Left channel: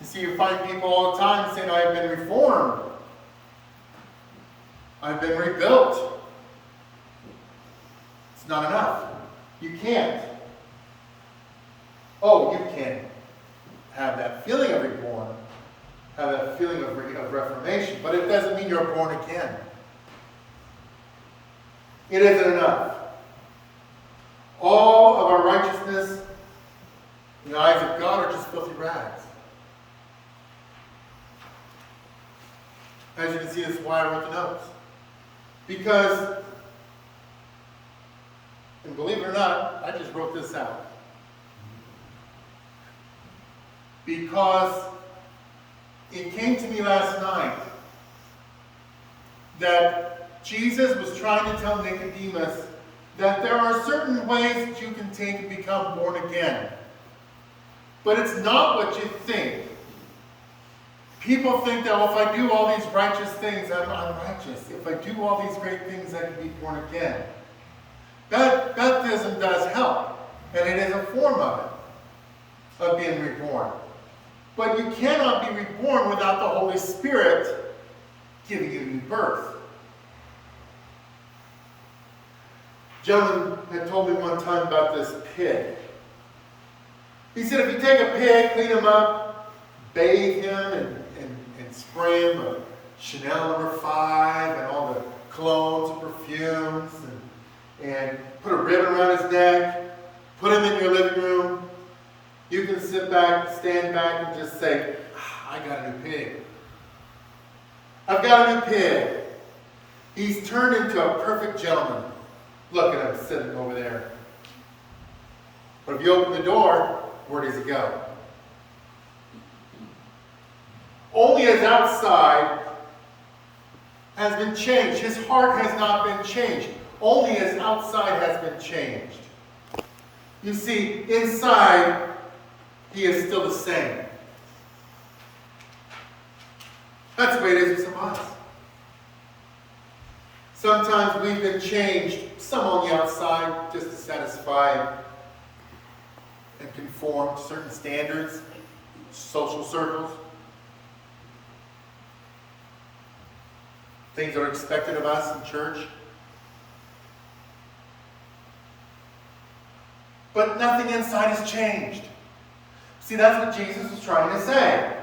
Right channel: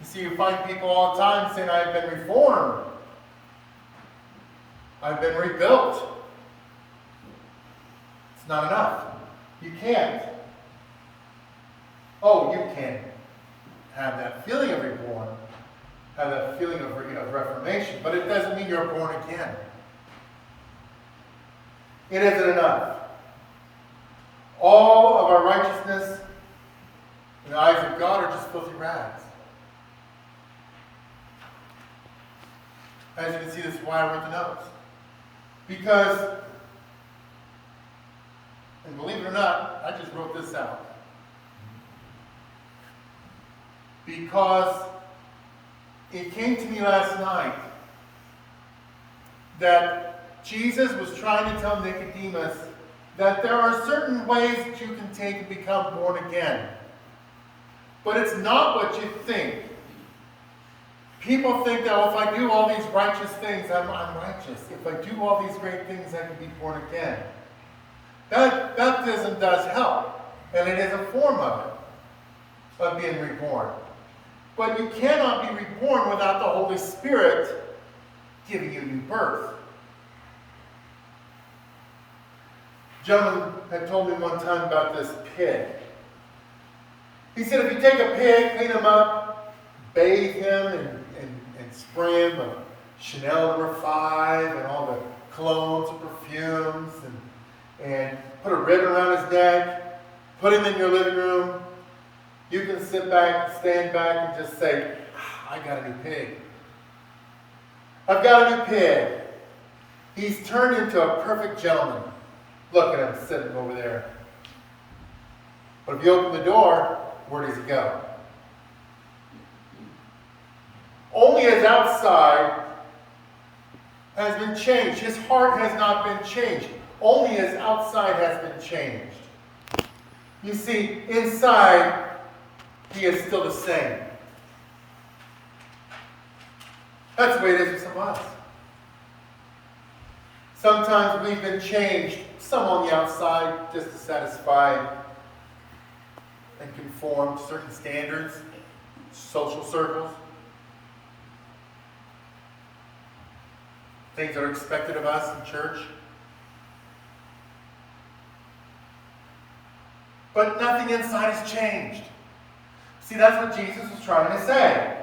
You see, you find people all the time saying, I've been reformed. I've been rebuilt. It's not enough. You can't. Oh, you can have that feeling of reborn, have that feeling of reformation, but it doesn't mean you're born again. It isn't enough. All of our righteousness in the eyes of God are just filthy rags. As you can see, this is why I wrote the notes. Because, and believe it or not, I just wrote this out. Because it came to me last night that Jesus was trying to tell Nicodemus that there are certain ways that you can take and become born again. But it's not what you think. People think that, well, if I do all these righteous things, I'm righteous. If I do all these great things, I can be born again. Baptism does help, and it is a form of it, of being reborn. But you cannot be reborn without the Holy Spirit giving you new birth. A gentleman had told me one time about this pig. He said if you take a pig, clean him up, bathe him, and spray him a Chanel No. 5 and all the colognes and perfumes, and put a ribbon around his neck, put him in your living room, you can sit back, stand back, and just say, I got a new pig. I've got a new pig. He's turned into a perfect gentleman. Look at him sitting over there. But if you open the door, where does he go? Only his outside has been changed. His heart has not been changed. Only his outside has been changed. You see, inside, he is still the same. That's the way it is with some of us. Sometimes we've been changed, some on the outside, just to satisfy and conform to certain standards, social circles. Things that are expected of us in church. But nothing inside has changed. See, that's what Jesus was trying to say.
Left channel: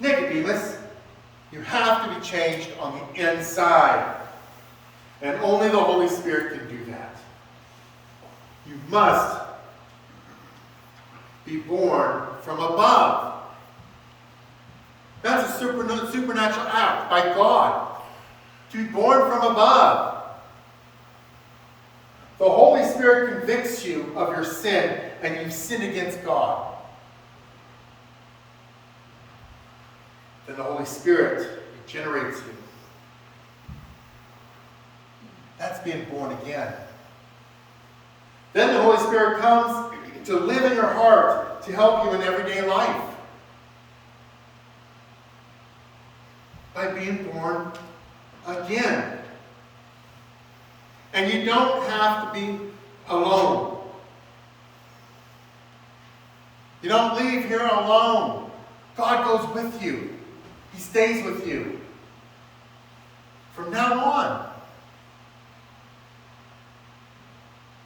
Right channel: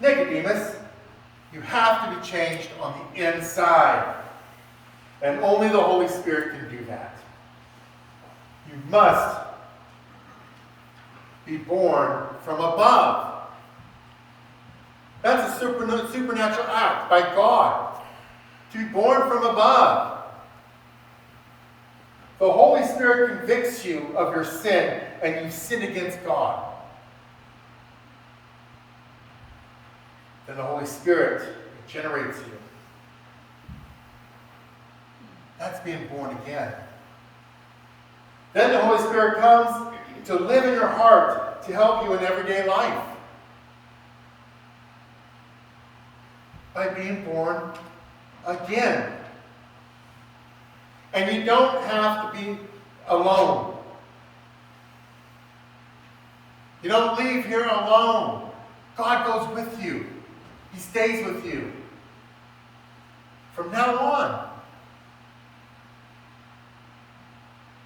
Nicodemus, you have to be changed on the inside. And only the Holy Spirit can do that. You must be born from above. That's a supernatural act by God. To be born from above. The Holy Spirit convicts you of your sin, and you sin against God. Then the Holy Spirit regenerates you. That's being born again. Then the Holy Spirit comes to live in your heart, to help you in everyday life. By being born again. And you don't have to be alone. You don't leave here alone. God goes with you. He stays with you. From now on.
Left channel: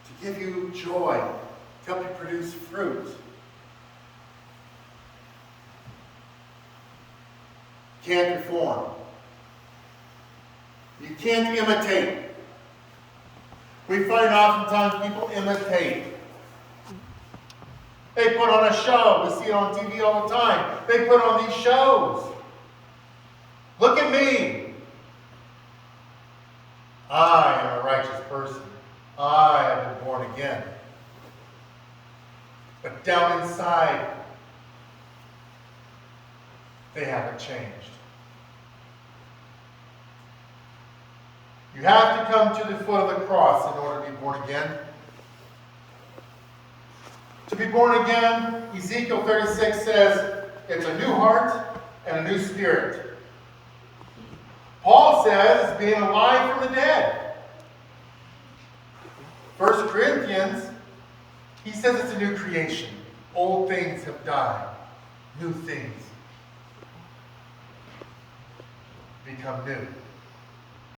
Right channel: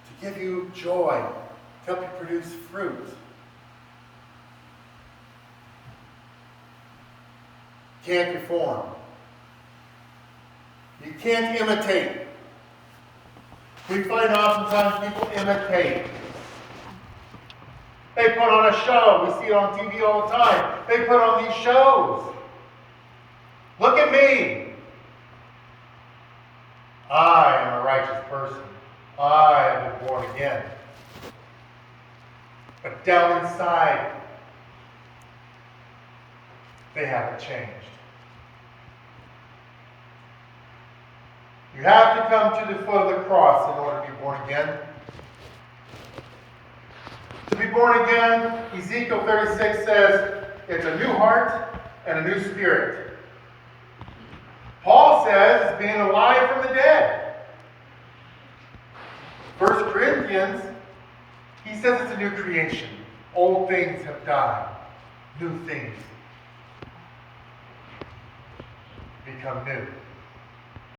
To give you joy. To help you produce fruit. You can't reform. You can't imitate. We find oftentimes people imitate. They put on a show. We see it on TV all the time. They put on these shows. Look at me. I am a righteous person. I have been born again. But down inside, they haven't changed. You have to come to the foot of the cross in order to be born again. To be born again, Ezekiel 36 says, it's a new heart and a new spirit. Paul says it's being alive from the dead. 1 Corinthians, he says it's a new creation. Old things have died. New things become new.